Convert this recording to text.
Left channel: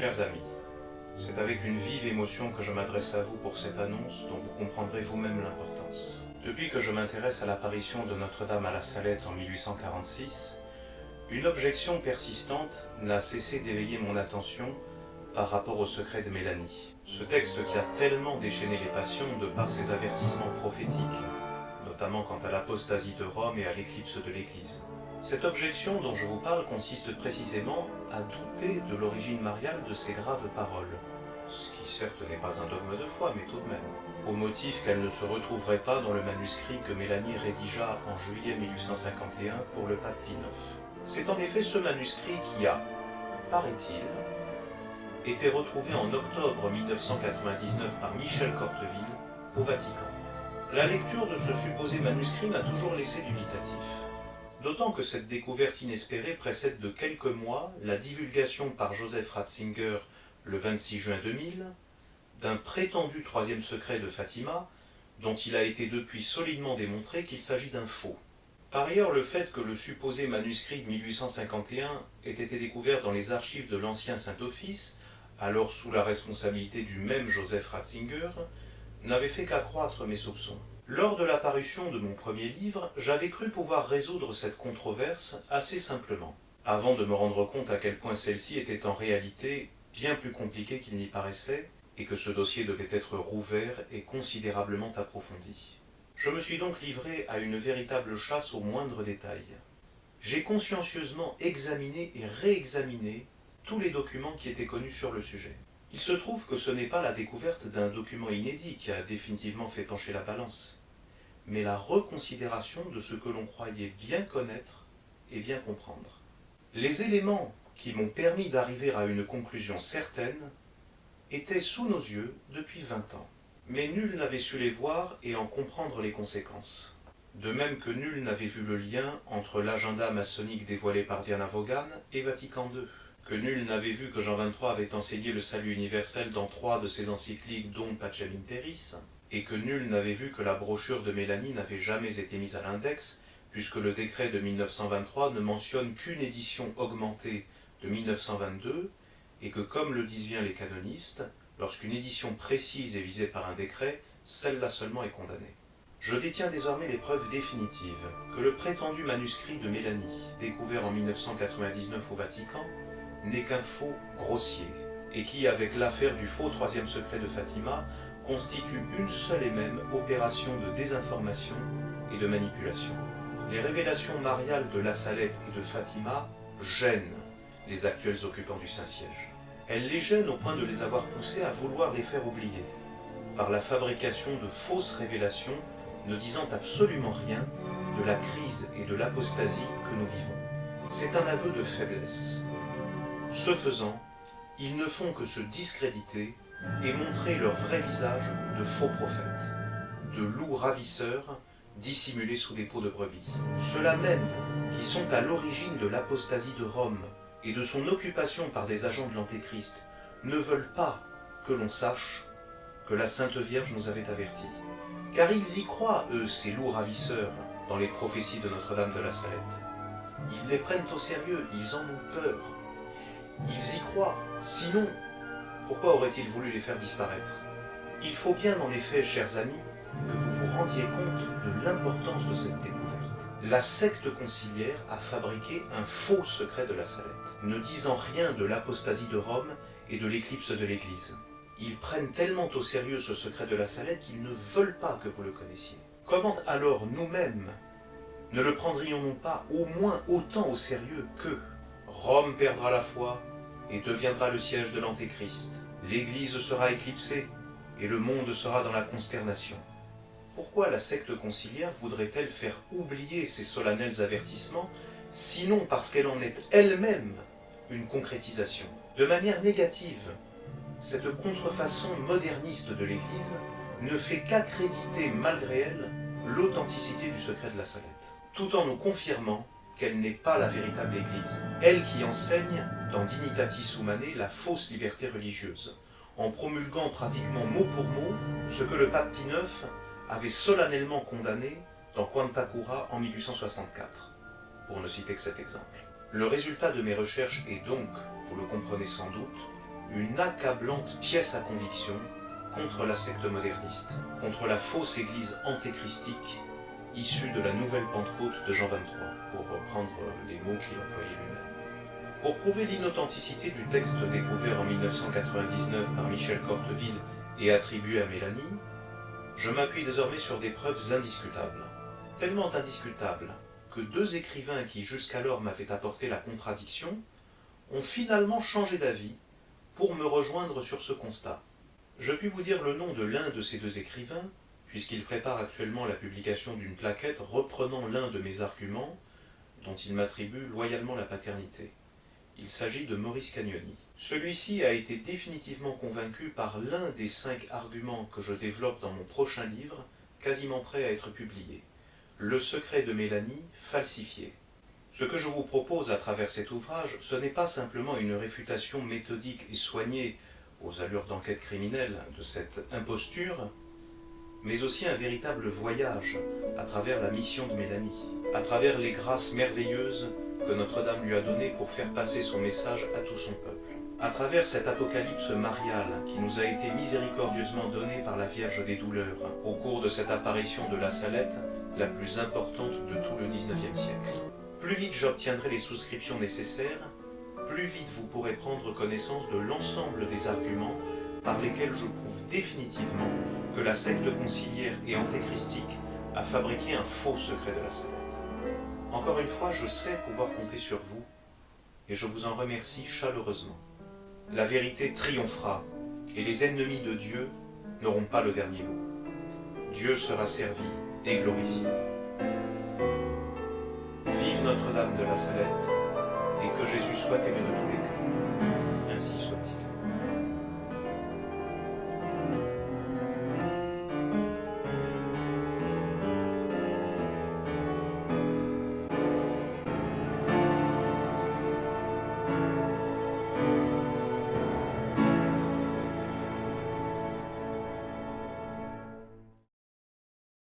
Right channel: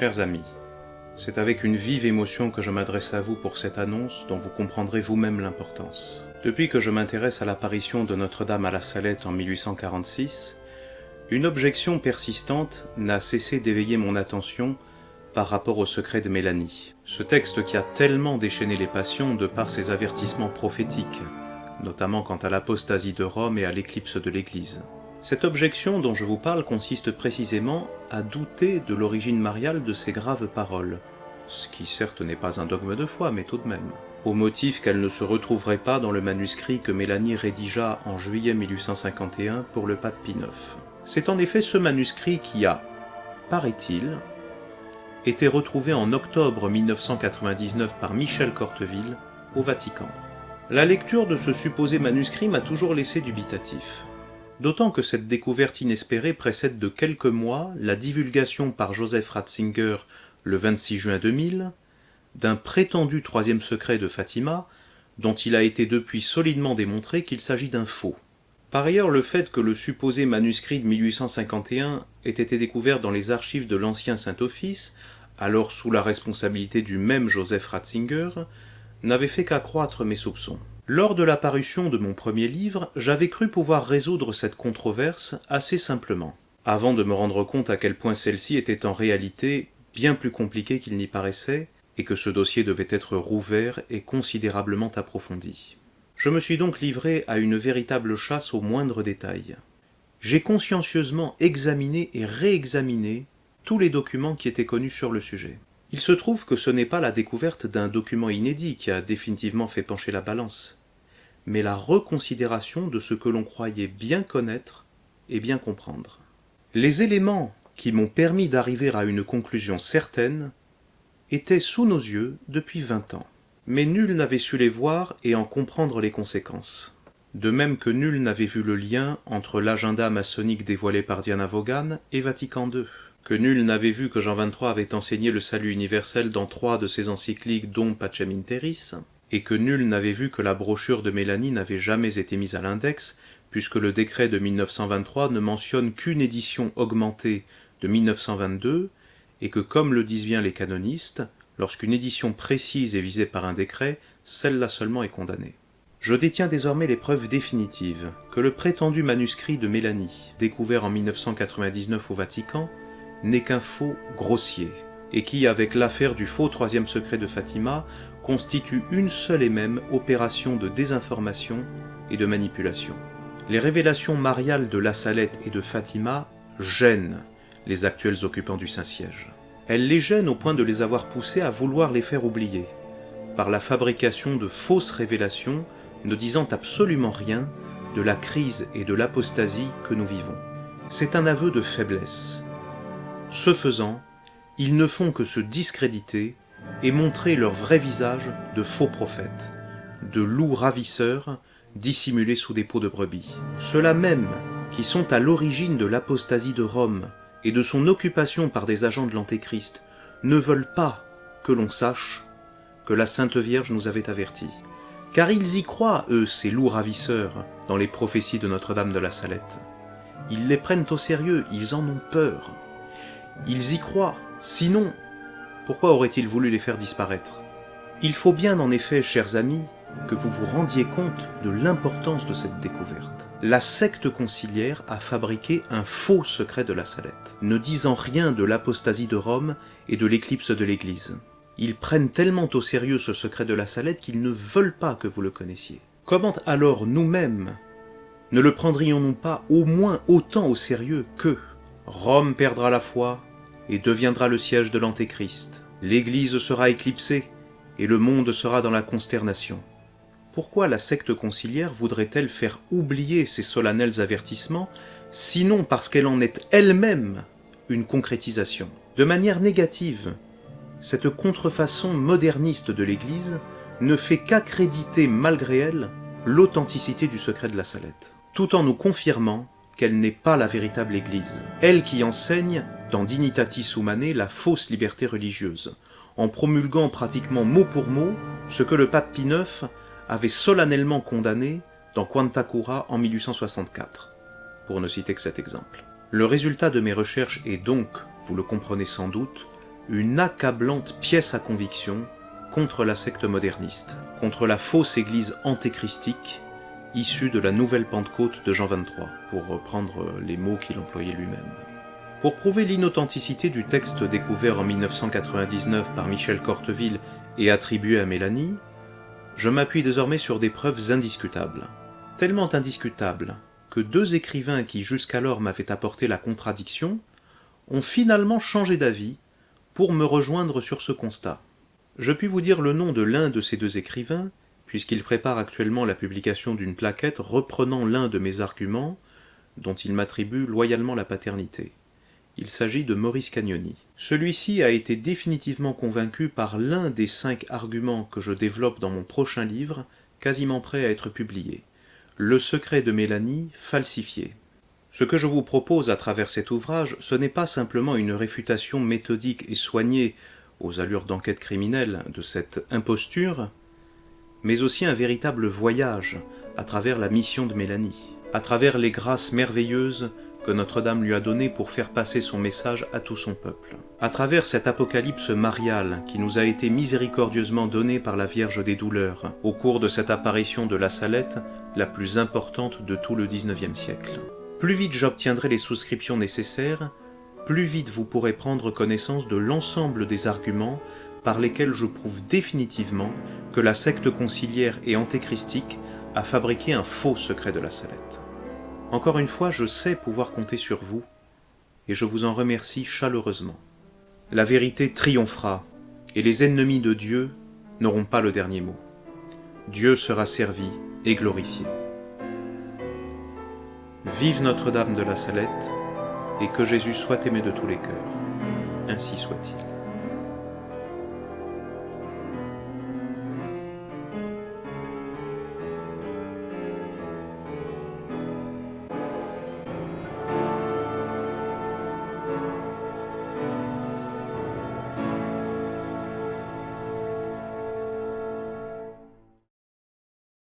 Chers amis, c'est avec une vive émotion que je m'adresse à vous pour cette annonce dont vous comprendrez vous-même l'importance. Depuis que je m'intéresse à l'apparition de Notre-Dame à la Salette en 1846, une objection persistante n'a cessé d'éveiller mon attention par rapport au secret de Mélanie. Ce texte qui a tellement déchaîné les passions de par ses avertissements prophétiques, notamment quant à l'apostasie de Rome et à l'éclipse de l'Église. Cette objection dont je vous parle consiste précisément à douter de l'origine mariale de ces graves paroles, ce qui certes n'est pas un dogme de foi, mais tout de même, au motif qu'elles ne se retrouveraient pas dans le manuscrit que Mélanie rédigea en juillet 1851 pour le pape Pie IX. C'est en effet ce manuscrit qui a, paraît-il, été retrouvé en octobre 1999 par Michel Corteville au Vatican. La lecture de ce supposé manuscrit m'a toujours laissé dubitatif. D'autant que cette découverte inespérée précède de quelques mois la divulgation par Joseph Ratzinger le 26 juin 2000 d'un prétendu troisième secret de Fatima dont il a été depuis solidement démontré qu'il s'agit d'un faux. Par ailleurs, le fait que le supposé manuscrit de 1851 ait été découvert dans les archives de l'ancien Saint-Office, alors sous la responsabilité du même Joseph Ratzinger, n'avait fait qu'accroître mes soupçons. Lors de la parution de mon premier livre, j'avais cru pouvoir résoudre cette controverse assez simplement, avant de me rendre compte à quel point celle-ci était en réalité bien plus compliquée qu'il n'y paraissait, et que ce dossier devait être rouvert et considérablement approfondi. Je me suis donc livré à une véritable chasse aux moindres détails. J'ai consciencieusement examiné et réexaminé tous les documents qui étaient connus sur le sujet. Il se trouve que ce n'est pas la découverte d'un document inédit qui a définitivement fait pencher la balance, mais la reconsidération de ce que l'on croyait bien connaître et bien comprendre. Les éléments qui m'ont permis d'arriver à une conclusion certaine étaient sous nos yeux depuis 20 ans, mais nul n'avait su les voir et en comprendre les conséquences. De même que nul n'avait vu le lien entre l'agenda maçonnique dévoilé par Diana Vaughan et Vatican II, que nul n'avait vu que Jean XXIII avait enseigné le salut universel dans 3 de ses encycliques dont Pacem in Terris, et que nul n'avait vu que la brochure de Mélanie n'avait jamais été mise à l'index, puisque le décret de 1923 ne mentionne qu'une édition augmentée de 1922, et que, comme le disent bien les canonistes, lorsqu'une édition précise est visée par un décret, celle-là seulement est condamnée. Je détiens désormais les preuves définitives que le prétendu manuscrit de Mélanie, découvert en 1999 au Vatican, n'est qu'un faux grossier, et qui, avec l'affaire du faux troisième secret de Fatima, constitue une seule et même opération de désinformation et de manipulation. Les révélations mariales de La Salette et de Fatima gênent les actuels occupants du Saint-Siège. Elles les gênent au point de les avoir poussés à vouloir les faire oublier, par la fabrication de fausses révélations ne disant absolument rien de la crise et de l'apostasie que nous vivons. C'est un aveu de faiblesse. Ce faisant, ils ne font que se discréditer et montrer leur vrai visage de faux prophètes, de loups ravisseurs dissimulés sous des peaux de brebis. Ceux-là même qui sont à l'origine de l'apostasie de Rome et de son occupation par des agents de l'Antéchrist ne veulent pas que l'on sache que la Sainte Vierge nous avait avertis. Car ils y croient, eux, ces loups ravisseurs, dans les prophéties de Notre-Dame de la Salette. Ils les prennent au sérieux, ils en ont peur. Ils y croient, sinon, pourquoi auraient-ils voulu les faire disparaître? Il faut bien en effet, chers amis, que vous vous rendiez compte de l'importance de cette découverte. La secte conciliaire a fabriqué un faux secret de la Salette, ne disant rien de l'apostasie de Rome et de l'éclipse de l'Église. Ils prennent tellement au sérieux ce secret de la Salette qu'ils ne veulent pas que vous le connaissiez. Comment alors nous-mêmes ne le prendrions-nous pas au moins autant au sérieux que Rome perdra la foi et deviendra le siège de l'Antéchrist. L'Église sera éclipsée et le monde sera dans la consternation. Pourquoi la secte conciliaire voudrait-elle faire oublier ces solennels avertissements, sinon parce qu'elle en est elle-même une concrétisation? De manière négative, cette contrefaçon moderniste de l'Église ne fait qu'accréditer malgré elle l'authenticité du secret de la Salette, tout en nous confirmant qu'elle n'est pas la véritable Église, elle qui enseigne dans Dignitatis Humanae la fausse liberté religieuse, en promulguant pratiquement mot pour mot ce que le pape Pie IX avait solennellement condamné dans Quanta Cura en 1864, pour ne citer que cet exemple. Le résultat de mes recherches est donc, vous le comprenez sans doute, une accablante pièce à conviction contre la secte moderniste, contre la fausse église antéchristique issue de la nouvelle Pentecôte de Jean 23, pour reprendre les mots qu'il employait lui-même. Pour prouver l'inauthenticité du texte découvert en 1999 par Michel Corteville et attribué à Mélanie, je m'appuie désormais sur des preuves indiscutables. Tellement indiscutables que deux écrivains qui jusqu'alors m'avaient apporté la contradiction ont finalement changé d'avis pour me rejoindre sur ce constat. Je puis vous dire le nom de l'un de ces deux écrivains, puisqu'il prépare actuellement la publication d'une plaquette reprenant l'un de mes arguments, dont il m'attribue loyalement la paternité. Il s'agit de Maurice Cagnoni. Celui-ci a été définitivement convaincu par l'un des 5 arguments que je développe dans mon prochain livre, quasiment prêt à être publié. Le secret de Mélanie falsifié. Ce que je vous propose à travers cet ouvrage, ce n'est pas simplement une réfutation méthodique et soignée aux allures d'enquête criminelle de cette imposture, mais aussi un véritable voyage à travers la mission de Mélanie, à travers les grâces merveilleuses que Notre-Dame lui a données pour faire passer son message à tout son peuple, à travers cet apocalypse marial qui nous a été miséricordieusement donné par la Vierge des Douleurs au cours de cette apparition de la Salette, la plus importante de tout le XIXe siècle. Plus vite j'obtiendrai les souscriptions nécessaires, plus vite vous pourrez prendre connaissance de l'ensemble des arguments par lesquels je prouve définitivement que la secte conciliaire et antéchristique a fabriqué un faux secret de la Salette. Encore une fois, je sais pouvoir compter sur vous, et je vous en remercie chaleureusement. La vérité triomphera, et les ennemis de Dieu n'auront pas le dernier mot. Dieu sera servi et glorifié. Vive Notre-Dame de la Salette, et que Jésus soit aimé de tous les cœurs. Ainsi soit-il.